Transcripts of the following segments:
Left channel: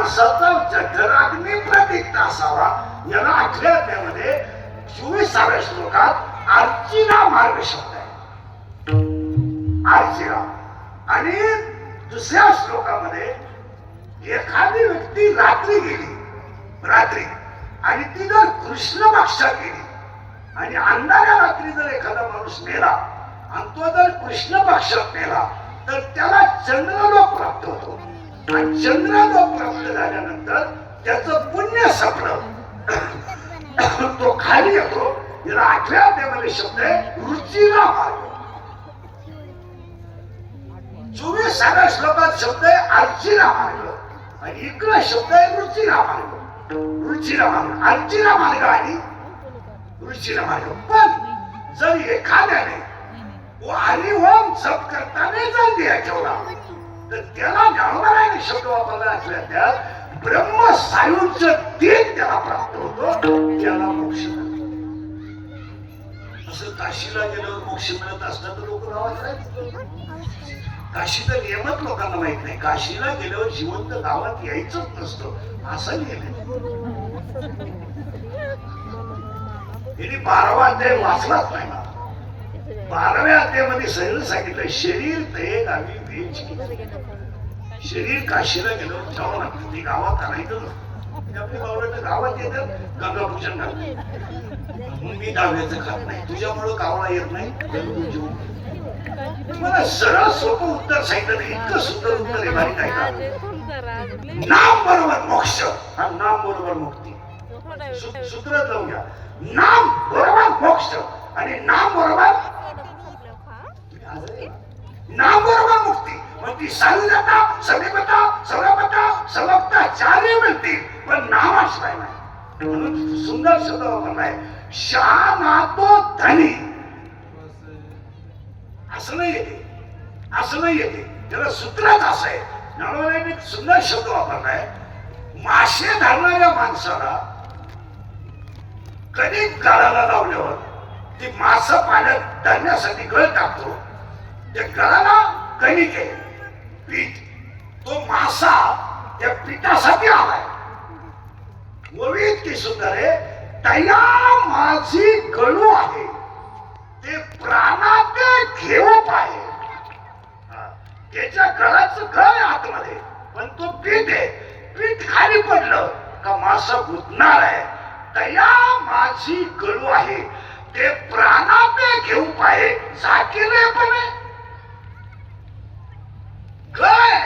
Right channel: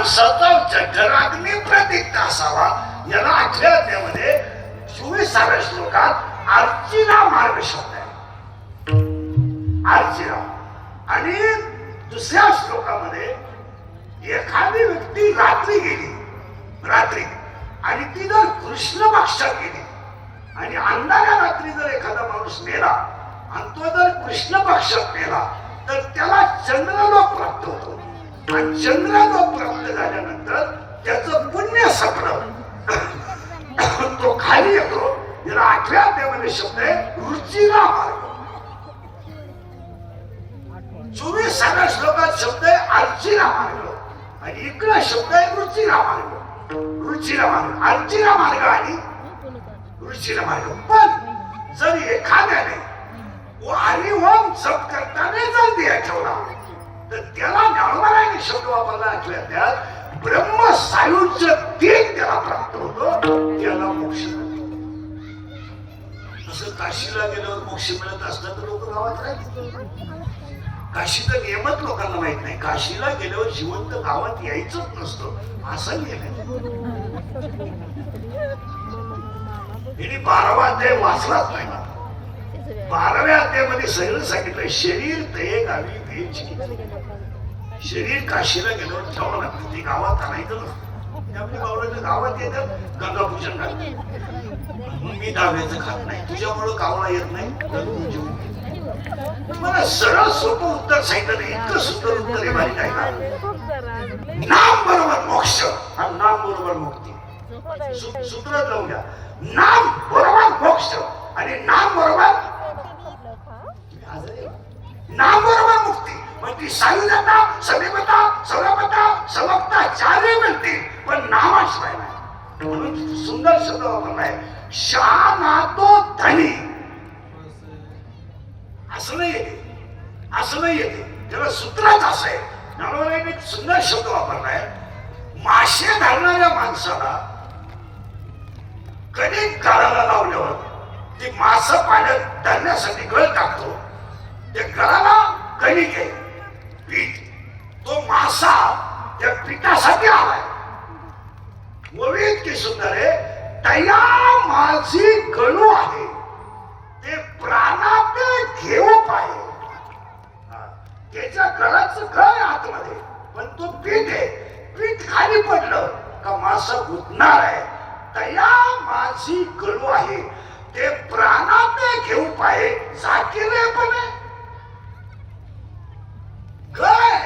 माणसाचा जठराग्नी प्रदीप्त असावा याला आठव्या अध्यायामध्ये 24व्या श्लोकात अर्चिरा मार्ग शब्द आहे. अर्चिरा. आणि दुसऱ्या श्लोकामध्ये एखादी व्यक्ती रात्री गेली आणि ती जर कृष्ण पक्षात गेली आणि अंधाऱ्या रात्री जर एखादा माणूस मेला आणि तो जर कृष्ण पक्षात मेला तर त्याला चंद्रलोक प्राप्त होतो. आणि चंद्रलोक प्राप्त झाल्यानंतर त्याचं पुण्य सपलं तो खाली येतो. याला आठव्या अध्यायामध्ये शब्द आहे रुचिरा मार्ग. 24व्या श्लोकात शब्द आहे अर्चिरा मार्ग आणि इकडे शब्द आहे रुचिरा मार्ग. रुचिरा मार्ग, अर्चिरा मार्ग आणि रुचिरा मार्ग. पण जर एखाद्याने आणि ओम जप करताना जर दिया ठेवला तर त्याला ज्ञानोबाराने शब्द वापरला असल्या त्यात ब्रह्म सायुज्य तेज त्याला प्राप्त होतो. त्याला मोक्ष. असं काशीला गेल्यावर मोक्ष मिळत असलं तर लोक गावात राहायचे. काशीचा नियमच लोकांना माहित नाही. काशीला गेल्यावर जिवंत गावात यायचंच नसतं असं नियम. 12वा अध्याय वाचलाच नाही. 12व्या अध्यायामध्ये सगळं सांगितलं शरीर ते गावी वेच. शरीर काशीला गेल्यावर ठेवावं लागतं. ती गावात आणायचं नसतं. आपली गावाला गावात येतात गंगा पूजन घालतात. मी डाव्याचं खात नाही तुझ्यामुळं गावाला येत नाही. मला सरळ सोपं उत्तर सांगितलं. इतकं सुंदर उत्तर आहे माहिती आहे का? नाम बरोबर मोक्ष आणि नाम बरोबर मुक्ती. सूत्रात लावून घ्या. नाम बरोबर मोक्ष आणि नाम बरोबर मुक्ती. मग ती सायुजता सविमता सवमता सवक्ता चारही मिळतील पण नामाशिवाय नाही. म्हणून सुंदर शब्द वापरलाय शहानातो धनी. असं नाही येते त्याला सूत्रात असं आहे. ज्ञानोबांनी सुंदर शब्द वापरलाय. मासे धरणाऱ्या माणसाला कधी गळाला लावल्यावर ती मास पाण्यात धरण्यासाठी गळ टाकतो. त्या गळाला कणिक आहे पीठ. तो मासा त्या पिठासाठी आलाय. ओवी इतकी सुंदर आहे. तया माझी गळू आहे ते प्राणात घेऊ पाहिजे. त्याच्या गळाचं गळ आहे आतमध्ये पण तो पीठ आहे. पीठ खाली पडलं का मासा गुंतणार आहे. तया माझी गळू आहे ते प्राणात घेऊ पाहिजे. झाकेले पण काय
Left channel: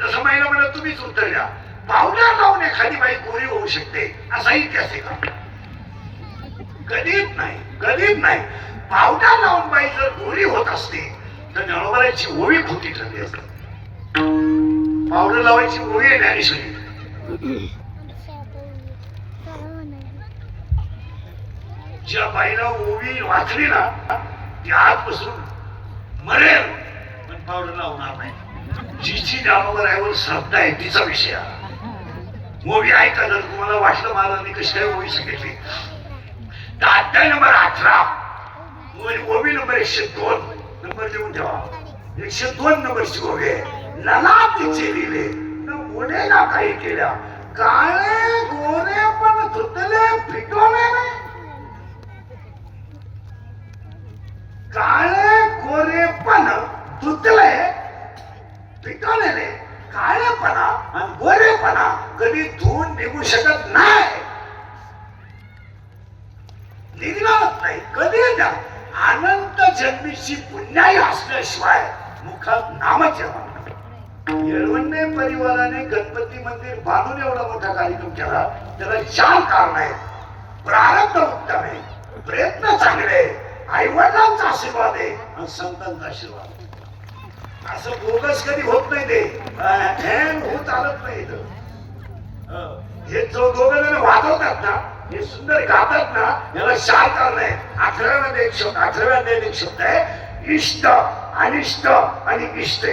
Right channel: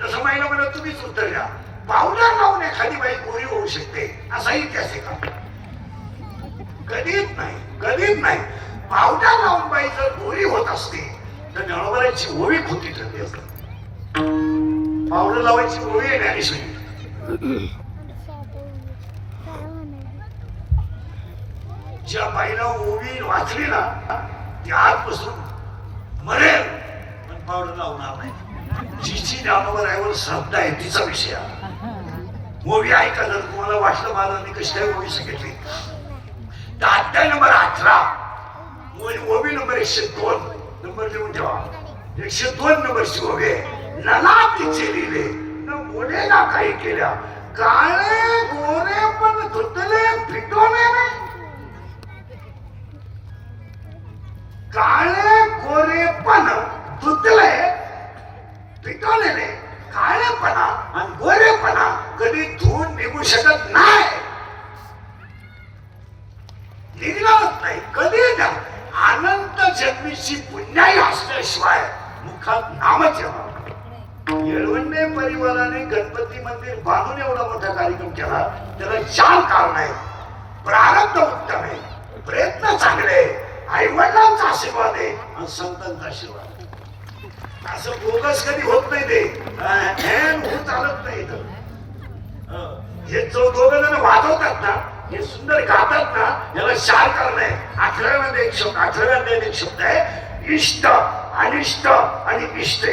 जसं माहिला म्हणलं तुम्हीच उत्तर द्या. पावडर लावून एखादी बाई गोरी होऊ शकते असा इतिहास आहे का? कधीच नाही. पावडर लावून बाई जर गोरी होत असते तर ज्ञानोबाची ओवी खोटी ठरली असते. पावडर लावायची ओवी आहे ज्ञानेश्वरी. ज्या बाईला ओवी वाचली ना ती आजपासून मरेल पण पावडर लावणार नाही. जिची ज्ञानोबावर श्रद्धा आहे तिचा विषय. ओवी ऐका जर तुम्हाला वाटलं महाराजांनी कशी काय ओवी सांगितली तर अध्याय नंबर 18 ओवी नंबर 102 नंबर लिहून ठेवा. 102 नंबरची ओवी आहे. लला तिचे लिहिले न बोले ना काही केल्या काळे गोरे पण धुतले पिटवले नाही. काळे गोरे पण धुतले पिटवलेले. काळेपणा आणि गोरेपणा कधी धुवून निघू शकत नाही. निघणारच नाही कधी. ना अनंत जन्मीची पुण्याई असल्याशिवाय मुखात नामच येणार. येळवंडे परिवाराने गणपती मंदिर बांधून एवढा मोठा कार्यक्रम केला. त्याला 4 कारण आहेत. प्रारब्ध उत्तम आहे, प्रयत्न चांगले, आईवडिलांचा आशीर्वाद आहे आणि संतांचा आशीर्वाद. असं बोगस कधी होत नाही. ते होत चालत नाही. हे जो दोघं जण वाजवतात ना हे सुंदर गातात ना याला 4 कारण आहे. 18व्या एक शब्द आहे इष्ट अनिष्ट आणि इष्ट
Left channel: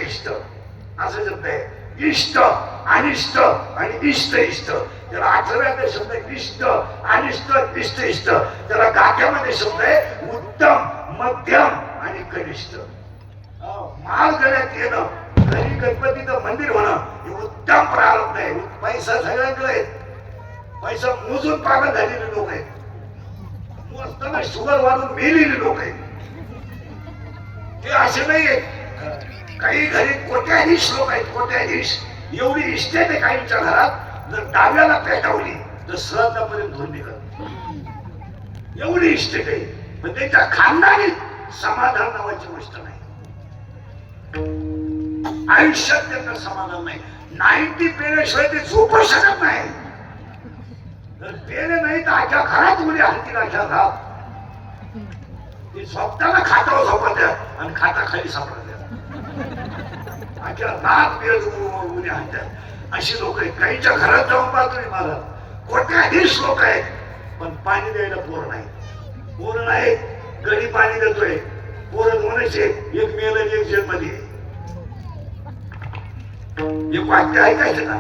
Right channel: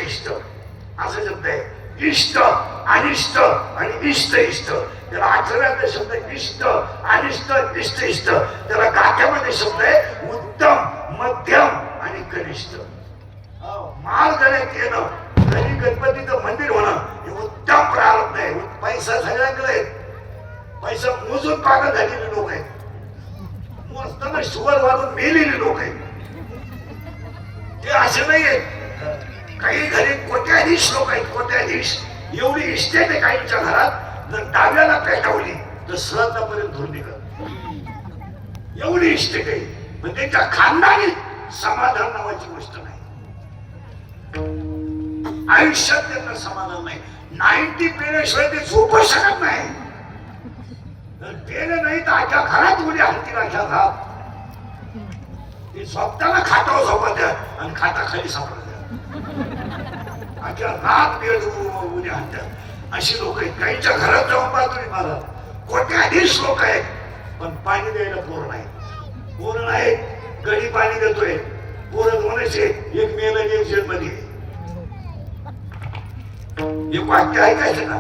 असं शब्द आहे. इष्ट अनिष्ट आणि इष्ट त्याला 18व्या शब्द आहे इष्ट अनिष्ट इष्ट. त्याला गाठ्यामध्ये शब्द आहे उत्तम मध्यम आणि कनिष्ठ. माल गळ्यात येणं घरी गणपतीचं मंदिर होणं हे उत्तम प्रारंभ आहे. पैसा सगळ्यांकडे आहे. पैसा मोजून पागल झालेले लोक आहेत. मोजताना शुगर वाढून मेलेली लोक आहेत. ते असे नाहीये. काही घरी कोट्याधीश लोक आहेत. कोट्याधीश एवढी इस्टेट आहे काहींच्या घरात. जर डाव्याला पेटवली तर सहजापर्यंत धुवून निघत. एवढी इस्टेट आहे. पण त्यांच्या खानदानी समाधान नावाची गोष्ट नाही. आयुष्यात त्यांना समाधान नाही. 90 पेल्याशिवाय ते झोपू शकत नाही. जर पेले नाही तर आख्या घरात उद्या हाती आख्या घरात. ते झोपताना खाटावर झोपत आणि खाता खाली सापडत आख्या रात पेल उद्या हातात. अशी लोक आहेत. काहींच्या घरात जाऊन पाहतोय मला. कोट्याधीश लोक आहेत. पण पाणी द्यायला पोर नाही. पोर नाही. गडी पाणी देतोय. पोरं दोनचे. एक मेलं एक जन्मली. एक वाक्य ऐकायचं का?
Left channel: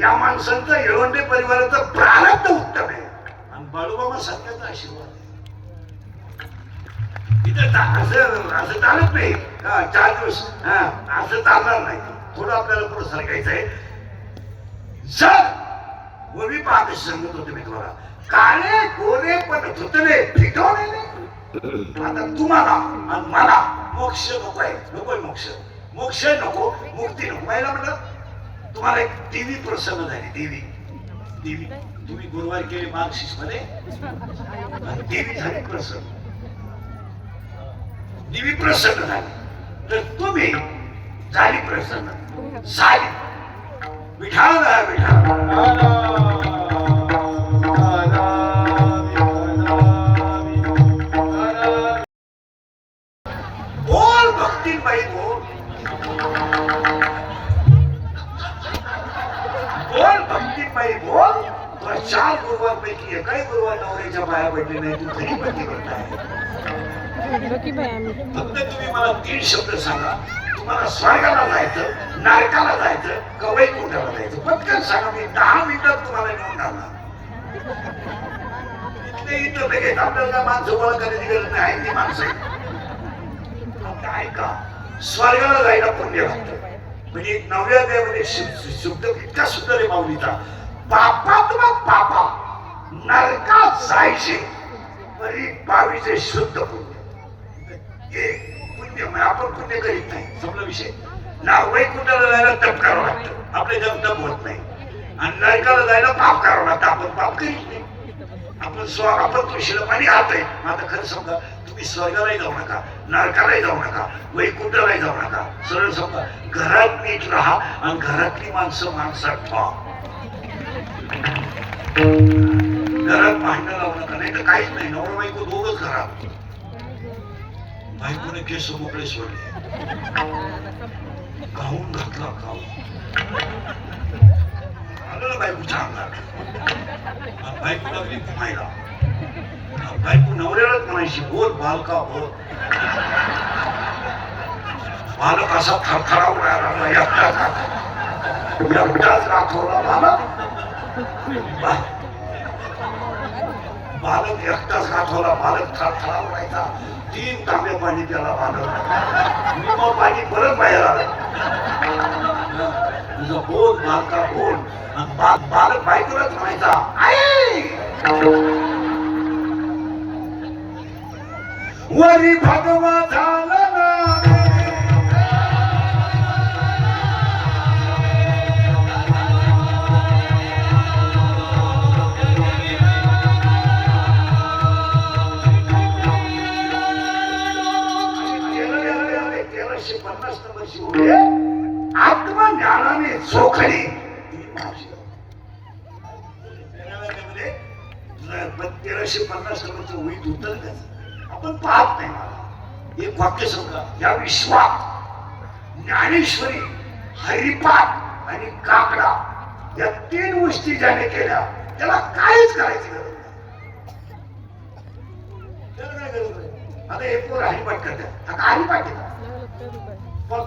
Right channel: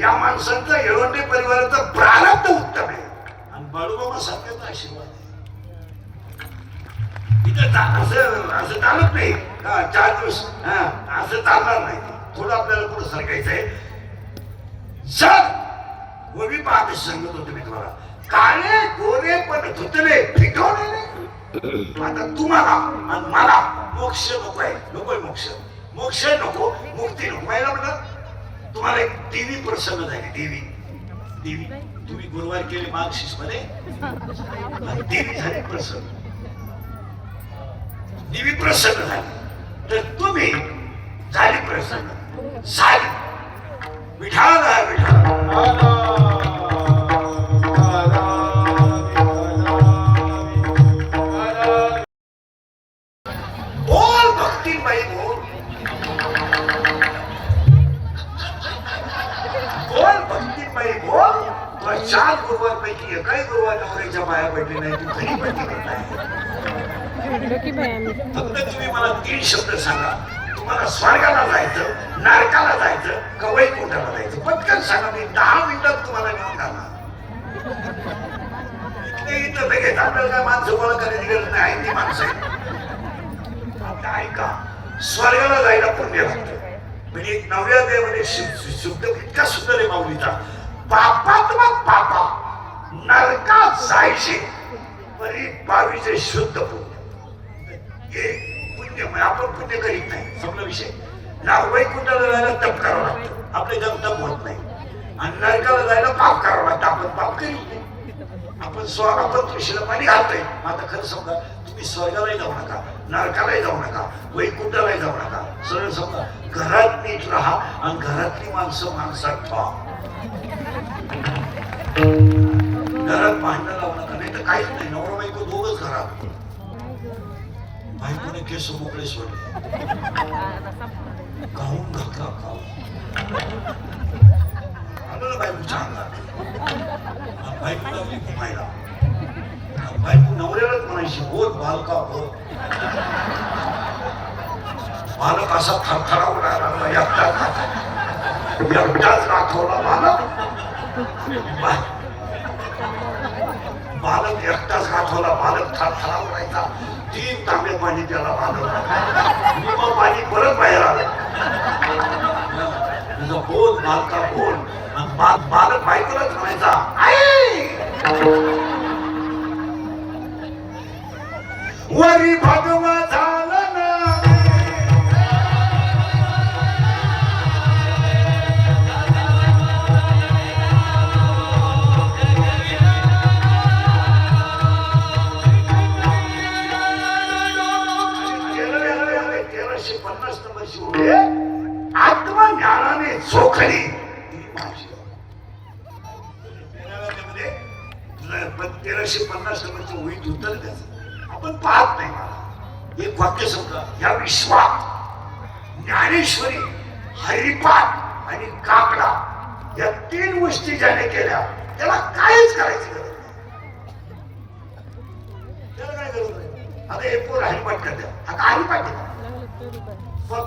या माणसांचं येळवंडे परिवाराचं प्रारब्ध उत्तम आहे आणि बाळूमामा सारख्याचा आशीर्वाद आहे. असं चालत नाही. 4 दिवस असं चालणार नाही. थोडं आपल्याला पुढे सरकायचं आहे. जर गोवी पाहते सांगत होतो मी तुम्हाला, काळे गोरे पण धुतले फिटवणे नाही. आता तुम्हाला आणि मला मोक्ष नको आहे. नको मोक्ष. मोक्ष नको, मुक्ती नको. पाहिला म्हटलं तुम्हाला एक देवी प्रसन्न झाली. देवी तुम्ही गुरुवार केले मार्गशीर्ष मध्ये. देवी झाली प्रसन्न. देवी प्रसन्न झाली तर तुम्ही झाली प्रसन्न. झाली विठाला बोल भक्तीबाई बोल. बोल भक्तीबाई बोल. 4 गुरुवार पैकी एकाही गुरुवार नवऱ्याच्या पाया पडली नाही. तू घरी पडली नाही. फक्त तुम्ही मला 3 शब्द सांगा. तुम्हाला स्वर्गाला जायचं, नरकाला जायचं, का वैकुंठाला जायचं? पटकन सांगा. मी 10 मिनिटात तुम्हाला नेऊन घालणार. इथं लगेच आपल्याला माणसं गोळा करायची गरज नाही. ती माणसं आता ऐका. स्वर्गाला जायला पुण्य लागतं. म्हणजे नवऱ्या देवामध्ये शुद्ध इतका सुंदर आहे माऊलीचा. पापा नरकात जायचे तरी 22 शुद्ध पुण्य. हे पुण्य आपण पुण्य करीत नाही. समजा विषय ना. वैकुंठाला जायला तप करावं लागतं. आपले जम तप होत नाही. आणि नरकाला जायला पाप करावं लागतं. आपण पाप करीत नाही. आपण तुळशीला पाणी घालतोय. आता खरं समजा तुम्ही स्वर्गालाही जाऊ नका, नरकालाही जाऊ नका, वैकुंठालाही जाऊ नका. सरळ समजा घरात नीट राहा आणि घरातली माणसं माणसात ठेवा. घरात भांडण लावू नका. नाही तर काहीच नाही. नवरा बायको दोघच घरात. बायकोने केस मोकळे सोडले. गाऊन घातला. आलं बायकोच्या अंगात. बायको लागली घुमायला. बायको नवऱ्यालाच म्हणायची बोल बालका बोल. बालक असा थरथरा उडायला एकटाच राखवला. बालक एकटाच राखवला. बालक थरथरा उडायचा. 3 तांबे पाणी त्याला बालक. मग पाणी परत बाहेर आलं. तुझा बोल बालका बोल. बालक बायकोलाच म्हणायचा आई. वरी भगवा झाला ना. आत्मज्ञानाने चोखली. 1350 नंबरचं उईत उत्तर द्यायचं आपण पाहत नाही. एक वाक्य समजा. या विश्वात ज्ञानेश्वरी, हरिपाठ आणि काकडा या 3 गोष्टी ज्याने केल्या त्याला काहीच करायची गरज नाही. त्याला काय गरज नाही. आता हे पोर हरिपाठ करतात. आता हरिपाठ येतात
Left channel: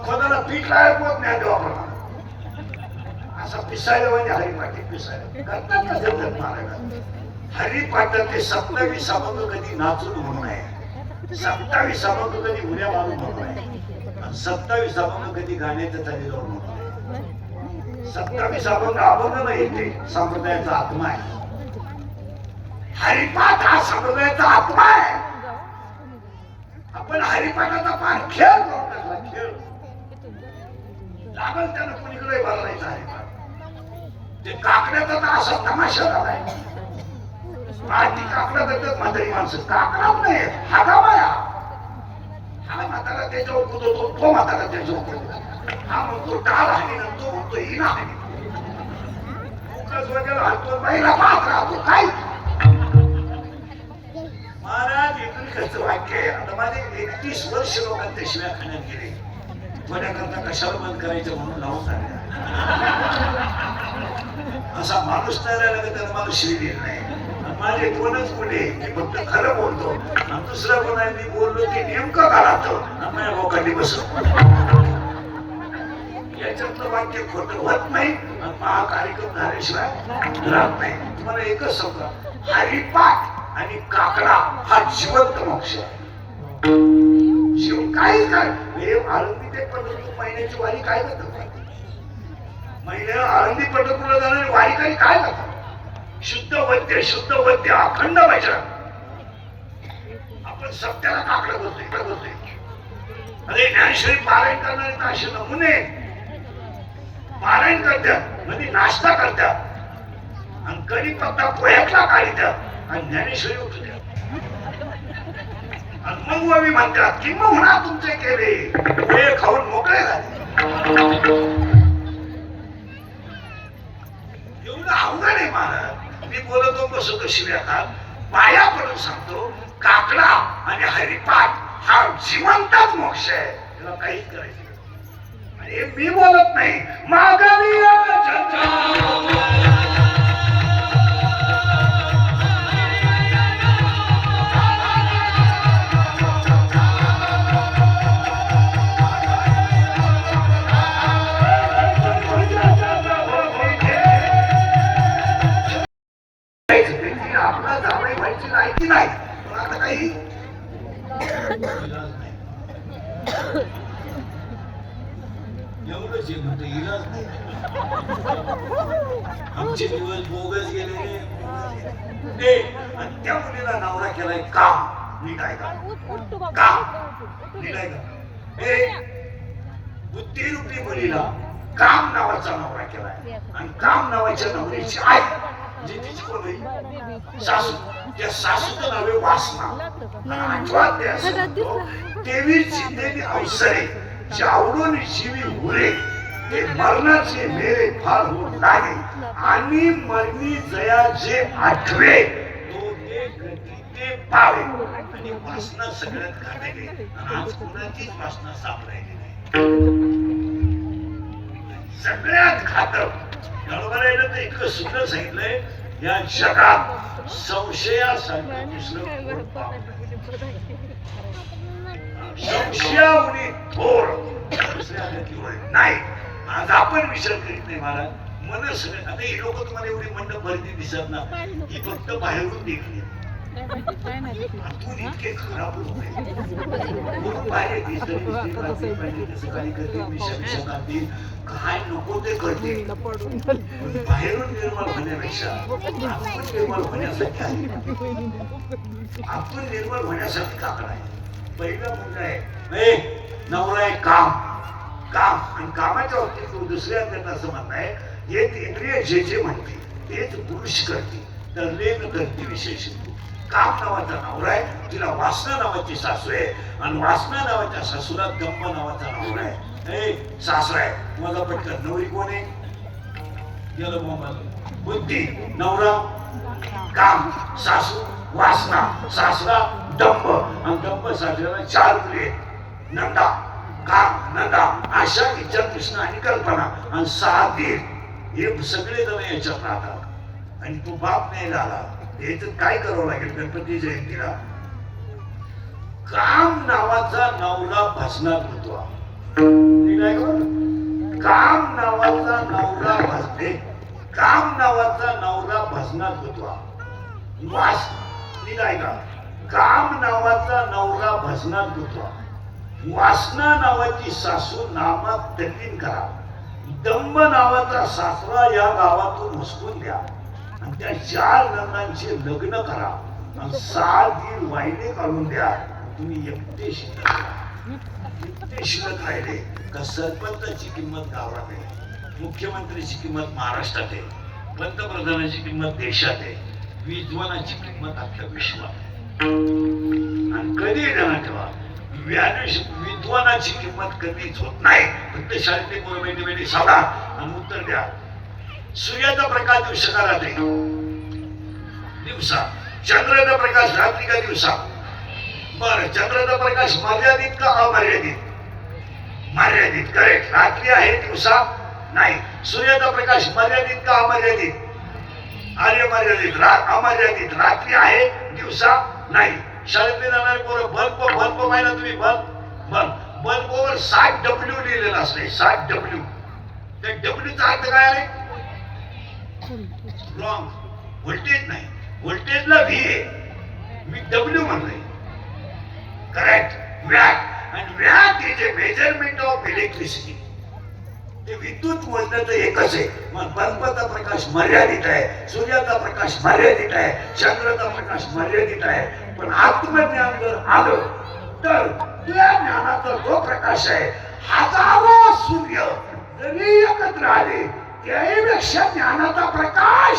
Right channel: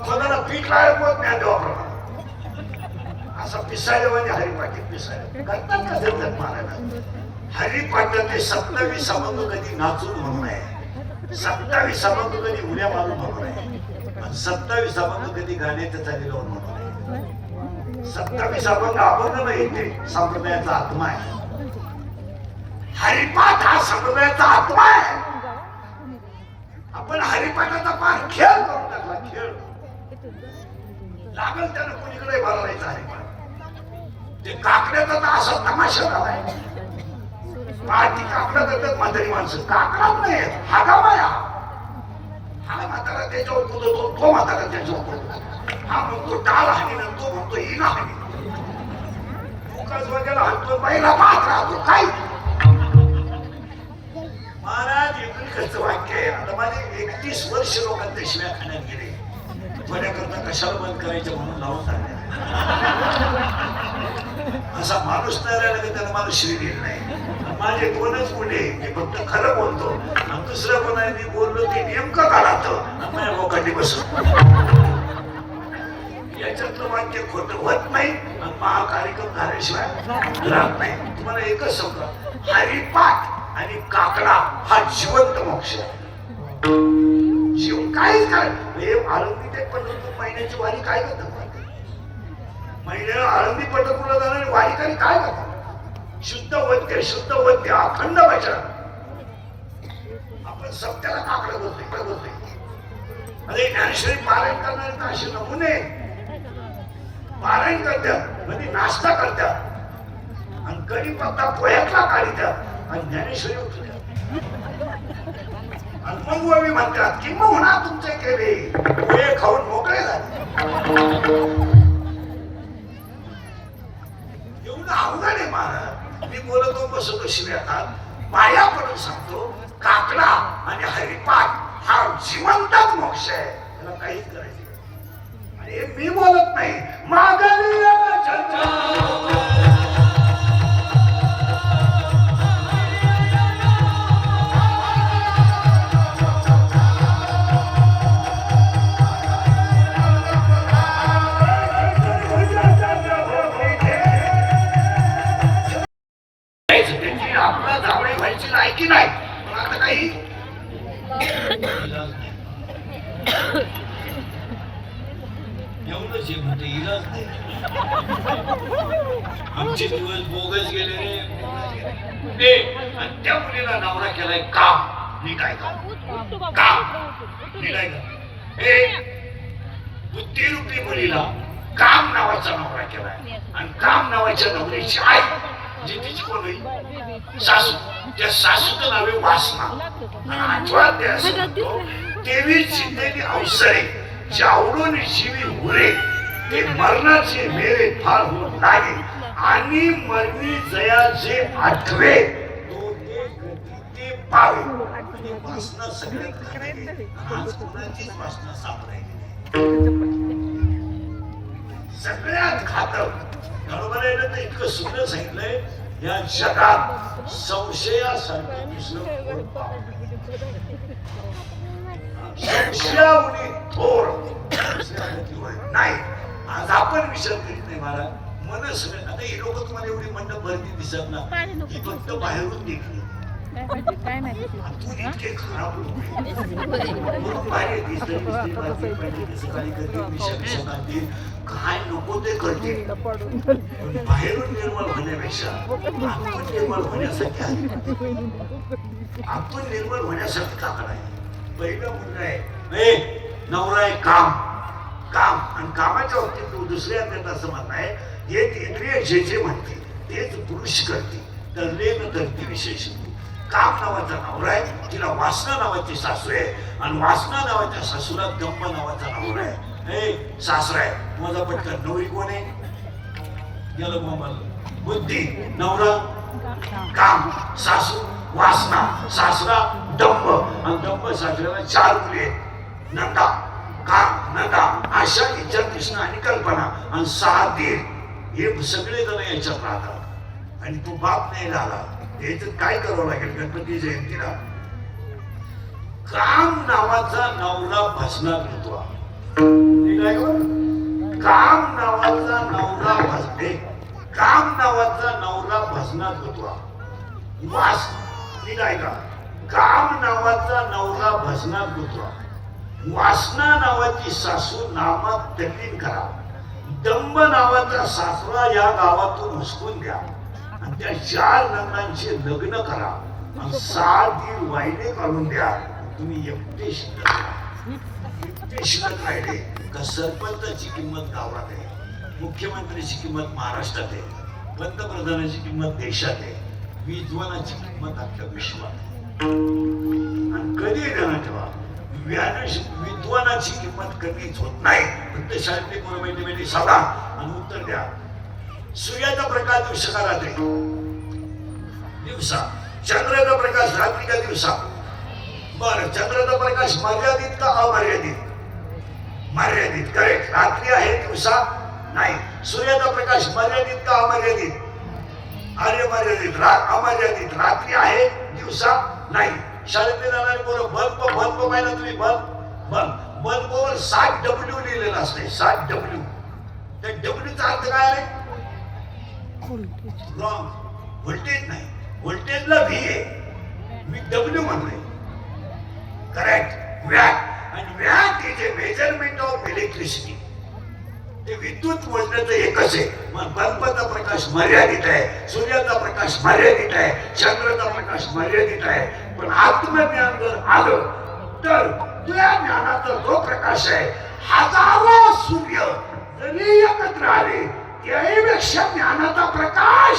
खोदाला पीठ लायक होत नाही. देवाप्रमाणे असा पिसायला म्हणजे हरिपाठी पिसायला करतात ना. देवतात महाराज हरिपाठाचे 27 अभंग कधी नाचून म्हणून आहे. 27 अभंग कधी उड्या मारून म्हणून आहे. 27 अभंग कधी गाण्यात चाललेलो नको. 27 अभंग अभंग नाही, ते संप्रदायाचा आत्मा आहे. हरिपाठ हा संप्रदायाचा आत्मा आहे. आपण हरिपाठाचा पाठ खेळ करू टाकला, खेळ लागल त्यानं कुणीकडे भरवायचा हरिपाठ. ते काकड्याचा तर असा तमाशा झालाय. पाठी काकडा करतात म्हातारी माणसं, काकडाच नाही हागावाया. हा म्हातारा त्याच्यावर कुदतो, तो म्हातारा त्याच्यावर कुदतो. हा म्हणतो टाळ हानी, तो म्हणतो हिना हानी. मुखाच वगैरे हाणतो, बाईला पाहत राहतो. काय महाराज एकच वाक्य आहे. आता माझे 31 वर्ष लोकांच्या शिव्या खाण्यात गेले. थोड्याकरता कशाला बंद करायचं म्हणून लावून चालल्या. असा माणूस तयार राहिला की त्याला माणूस शिवी देत नाही. माझे 2च मुले, मी फक्त खरं बोलतो आणि दुसरं कोणाला मी बोललो ते नेमकं काढतो नाही मोकळी बसत. याच्यातलं वाक्य खोटं होत नाही आणि महा कार्यक्रम झाल्याशिवाय राहत नाही. तुम्हाला एकच सांगा, हरिपाठ आणि काकडा हा जिवंत मोक्ष आहे. जीव काहीच काय आळंदी ते पंढरपूर महिन्याची वारी काय करतात? महिन्याला आळंदी पंढरपूरला जाणारी वारीकरी काय करतात? शुद्ध वैद्य अखंड भजन. आपण सत्याला काकडं बोलतोय. अरे ज्ञानेश्वरी पारायण करणारे तर असे नमुने पारायण करतात, म्हणजे नाश्ता करतात आणि कधी पत्ता पोह्यातला काढतात आणि ज्ञानेश्वरी उठतात. आणि मग आम्ही म्हणतात की मग म्हणा तुमचे केले पोहे खाऊन मोकळे झाले. एवढं अवघड आहे महाराज. मी बोलतो बसतो शिव्यात, पाया पडून सांगतो, काकडा आणि हरिपाठ हा जिवंतच मोक्ष आहे. त्याला काहीच करायचं आणि मी बोलत नाही. मागावी आपला जावळे खायची लायकी नाही. पण आता काही एवढंच आहे म्हणजे इलाज नाही. आमचे दिवस बोगस गेले रे. आणि त्या मुलीला नवरा केलाय काम. मी काय काम मी काय बुद्धिरूपी मुलीला काम नावाचा नवरा केलाय आणि काम नावाच्या नवऱ्याची आई जी तिची कोण होईल? सासू. त्या सासूचं नाव आहे वासना. आठवत ते असं म्हणतो, तेवी जिंदेली अवसरे जावडून जीवी उरे ते मरणाचे मेरे फार होऊन लागे आणि मरणी जया जे आठवे तो ते गती ते पावे. आणि वासना सगळ्यात घातक आहे. आज कुणाचीच वासना सापडायची नाही. सगळ्यात घातक. बरोबर आहे ना? ते इतकं सुंदर सांगितलंय, या जगात संशयासारखं दुसरं कोण पाव संशयामुळे थोर नाही. आज आपण विचार करीत नाही महाराज. मन सगळं आता हे लोक तुम्हाला एवढी मंडप भरती दिसत ना, ही फक्त बाहेरून देखील इतके खराब बाहेर काय नको ते करते. बाहेरून निर्माण होण्यापेक्षा आपण निर्माण होण्यासाठी काकड आहे. पहिला मुलगा आहे नवरा आहे काम काम आणि कामाच्या बाबतीत तू दुसऱ्या असं म्हणणं आहे, एक इंद्रिय जे जे म्हणते तेच पुरुष करते. तर लेन करते विशेष. काम नावाचा नवरा आहे, तिला वासना नावाची सासू आहे आणि वासना नावाच्या सासूला दंभ नावाचा नवरा आहे. सासरा आहे माझा पटकन. नवरी कोण आहे? गेलं मोबाईल. बुद्धी नवरा, काम सासू, वासना सासरा, दंभ आणि दंभ सासऱ्याला 4 मुले. नंदा काम नंदा आशा इच्छा कृष्ण आणि कल्पना आणि 6 दीर. हे सगळे जण याच्यात राहतात. आणि तो बाप नाही झाला याच्यात काय करावं लागेल? गणपती जयंतीला काम नावाचा नवरा भजनात होतो. काम नावाचा नवरा भजते. काम नावाचा नवरा भजनात होतो. वास निघाय का? काम नावाचा नवरा भजनात होतो. वासना नावाची सासू नामात तल्लीन करा. दंब नावाचा सासरा या गावातून हुसकून द्या आणि त्या 4 नंदांचे लग्न करा आणि 6 दीर वायले काढून द्या. तुम्ही एकटे शिकत राहिले का सरपंचाची किंमत गावात आहे, मुख्यमंत्र्याची किंमत महाराष्ट्रात आहे, पंतप्रधानाची किंमत देशात आहे, विद्वानाची किंमत आपल्या विश्वात आहे. आणि कधी ध्यानात ठेवा, विद्वानाची किंमत कधीच होत नाही. फक्त शारीरिक गोळ बैठी बैठी साधा आणि उत्तर द्या. सूर्याचा प्रकाश दिवसा रात्री, दिवसा. चंद्राचा प्रकाश रात्री का दिवसा? बरं, चंद्राचा प्रकाश मर्यादित का अमर्यादित? मर्यादित. करेक्ट. रात्री आहे, दिवसा नाही. सूर्याचा प्रकाश मर्यादित का अमर्यादित? अरे मर्यादित. अमर्यादित. रात्री आहे, दिवसा नाही. शाळेत जाणारे पोरं बल्ब पाहिला तुम्ही? बल्बवर 60W लिहिलेलं असते. 60W. त्या डब्ल्यूचा अर्थ काय आहे? रॉंग. व्होल्टेज नाही. व्होल्टेजला व्ही आहे, मी डब्ल्यू म्हणले. करेक्ट. वॅट. आणि watt is a measurement of electricity. ते विद्युत मोजण्याचं एकच आहे. मग बल्बाचा प्रकाश मर्यादित आहे, सूर्याचा प्रकाश मर्यादित आहे, चंद्राचा प्रकाश मर्यादित आहे. पण आत्मज्ञान जर आलं तर त्या ज्ञानाचा जो प्रकाश आहे, हजारो सूर्य जरी एकत्र आले त्याहीपेक्षा ज्ञानाचा प्रकाश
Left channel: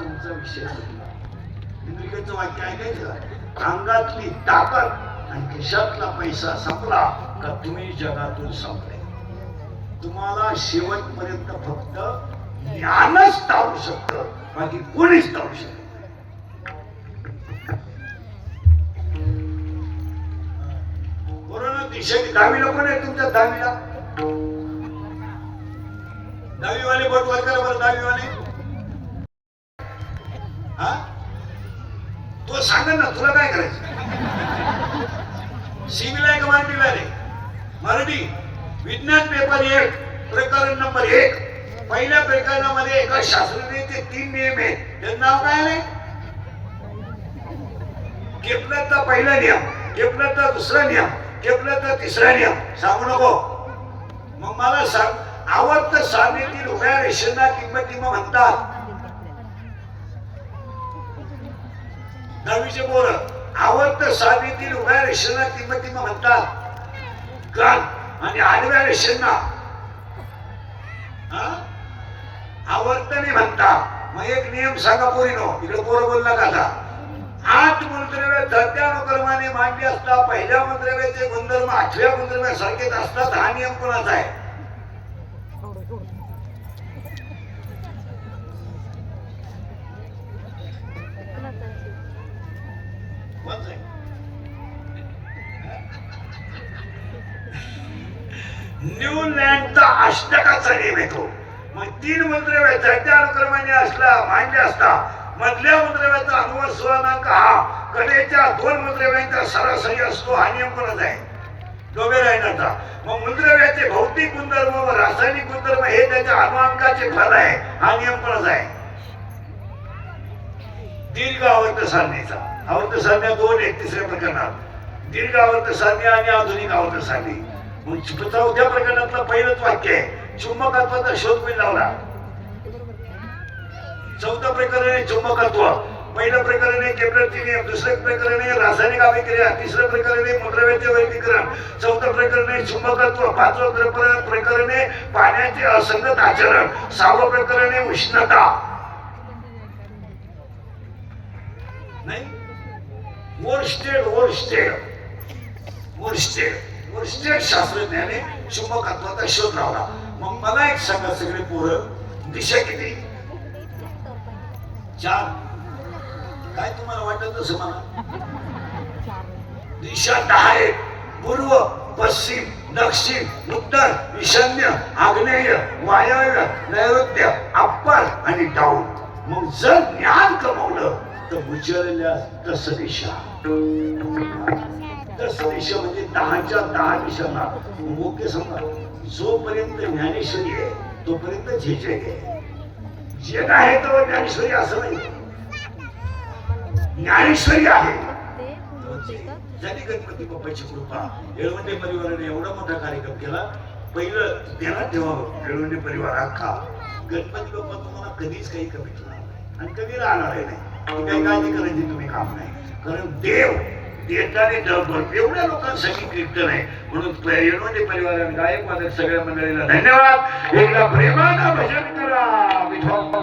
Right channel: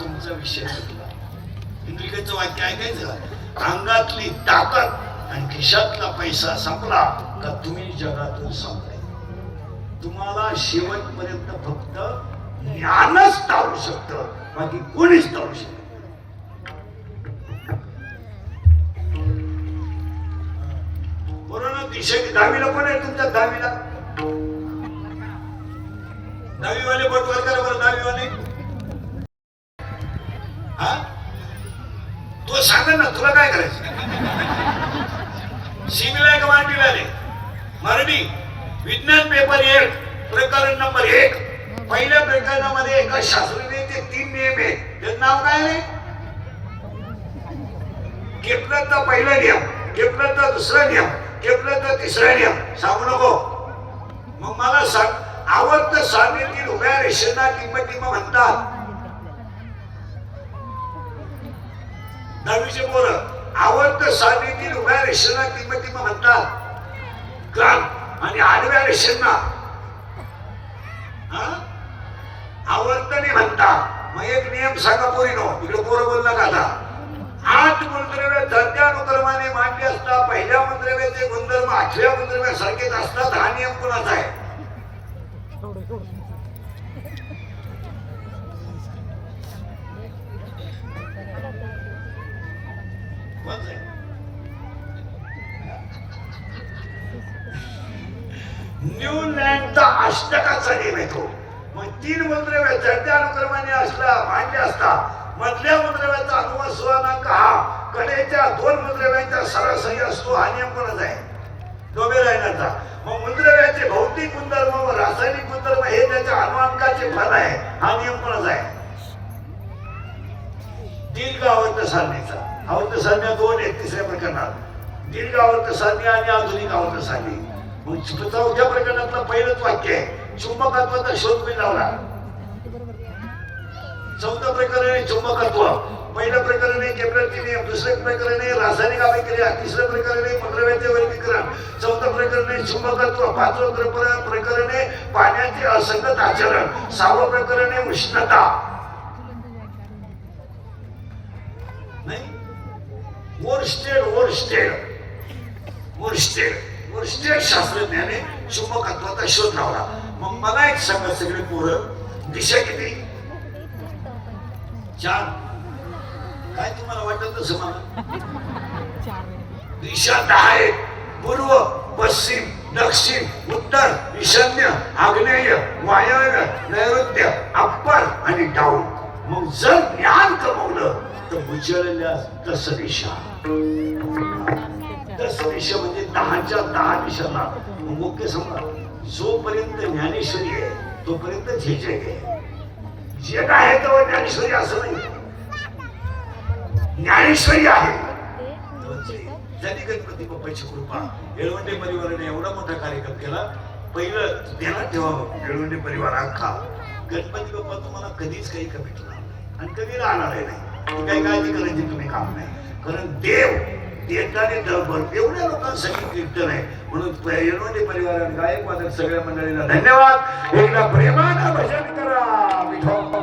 तुमचा विषय सुटला. इंद्रिकाचं वाक्य ऐकायचं का? अंगातली ताकद आणि खिशातला पैसा संपला तर तुम्ही जगातून संपले. तुम्हाला शेवटपर्यंत फक्त ज्ञानच टाळू शकतं, बाकी कोणीच टाळू शकत. बरोबर. 10वीला पण आहे तुमच्या 10वीला. 10वीवाले बोट वर करा बरं. 10वीवाले हा, तो सांगा ना, तुला काय करायचं? सिव्हिल आहे का मराठीला आहे? मराठी. विज्ञान पेपर 1 प्रकरण नंबर 1. पहिल्या प्रकरणामध्ये एका शास्त्रज्ञाचे 3 नियम आहेत. त्याचं नाव काय आहे? केपलरचा पहिला नियम, केपलरचा दुसरा नियम, केपलरचा तिसरा नियम. सांगू नको. मग मला सांग, आवर्त सारणीतील उभ्या रेषेला किंमतीमा म्हणतात. 10वीचे पोरं, आवर्त सारणीतील उभ्या रेषेला किंमतीमा म्हणतात क्रांत, आणि आडव्या रेषेंना आवर्तने म्हणतात. मग एक नियम सांगा पोरीनो, इकडे पोरं बोलला का? 8 मंत्रव्य चढत्या अनुक्रमाने मांडली असता पहिल्या मंत्रव्याचे गुणधर्म 8व्या मंत्रव्यासारखेच असतात. हा नियम कोणाचा आहे? न्यूलँडचा अष्टकाचा नियम येतो. मग 3 मंत्रव्य चढत्या अनुक्रमाने असला मांडले असता मधल्या मंत्रव्याचा अनुवाद स्वर्णांक हा कडेच्या 2 मंत्रव्यांचा सरासरी असतो. हा नियम कोणाचा आहे? डोबेरायनरचा. मग मंत्रव्याचे भौतिक गुणधर्म व रासायनिक गुणधर्म हे त्याच्या अनुअंकाचे फल आहे. हा नियम कोणाचा आहे? दीर्घ आवर्त सारणीचा. आवर्त सारण्या 2 आहेत तिसऱ्या प्रकरणात. दीर्घ आवर्त सारणी आणि आधुनिक आवर्त सारणी. मग 4थ्या प्रकरणातलं पहिलंच वाक्य आहे, चुंबकत्वाचा शोध मी लावला. 4थं प्रकरण आहे चुंबकत्व. पहिलं प्रकरण आहे केपलरचे नियम, दुसरं प्रकरण आहे रासायनिक अभिक्रिया, तिसरं प्रकरण आहे मंत्रव्याचे वर्गीकरण, 4थं प्रकरण आहे चुंबकत्व, 5वं प्रकरण आहे पाण्याचे असंगत आचरण, 6वं प्रकरण आहे उष्णता. नाही, वोरस्टेड शास्त्रज्ञाने चुंबकत्वाचा शोध लावला. मग मला एक सांगा सगळे पोरं, दिशा किती? 4. काय तुम्हाला वाटत तसं मला? दिशा 10 आहेत. पूर्व, पश्चिम, दक्षिण, उत्तर, ईशान्य, आग्नेय, वायव्य, नैऋत्य, अप्पर आणि डाऊन. मग जर ज्ञान कमवलं तर उजळल्या दश दिशा. दश दिशामध्ये 10च्या 10 दिशांना मुख्य समजा. जोपर्यंत ज्ञानेश्वरी आहे तोपर्यंत झेजे आहे. जग आहे तेव्हा ज्ञानेश्वरी असं नाही. ज्ञानेश्वरी आहे झाली गणपती बाप्पाची कृपा. येळवंडे परिवाराने एवढा मोठा कार्यक्रम केला. पहिलं ध्यानात ठेवावं, येळवंडे परिवार अख्खा गणपती बाप्पा तुम्हाला कधीच काही कमी ठेवणार नाही आणि कधी राहणार नाही. काही काळजी करायची तुम्ही काम नाही. कारण देव देताने जगभर एवढ्या लोकांसाठी कीर्तन आहे. म्हणून येळवंडे परिवाराने गायक वादक सगळ्या मंडळीला धन्यवाद. एकदा प्रेमानं भजन करा विठोबा.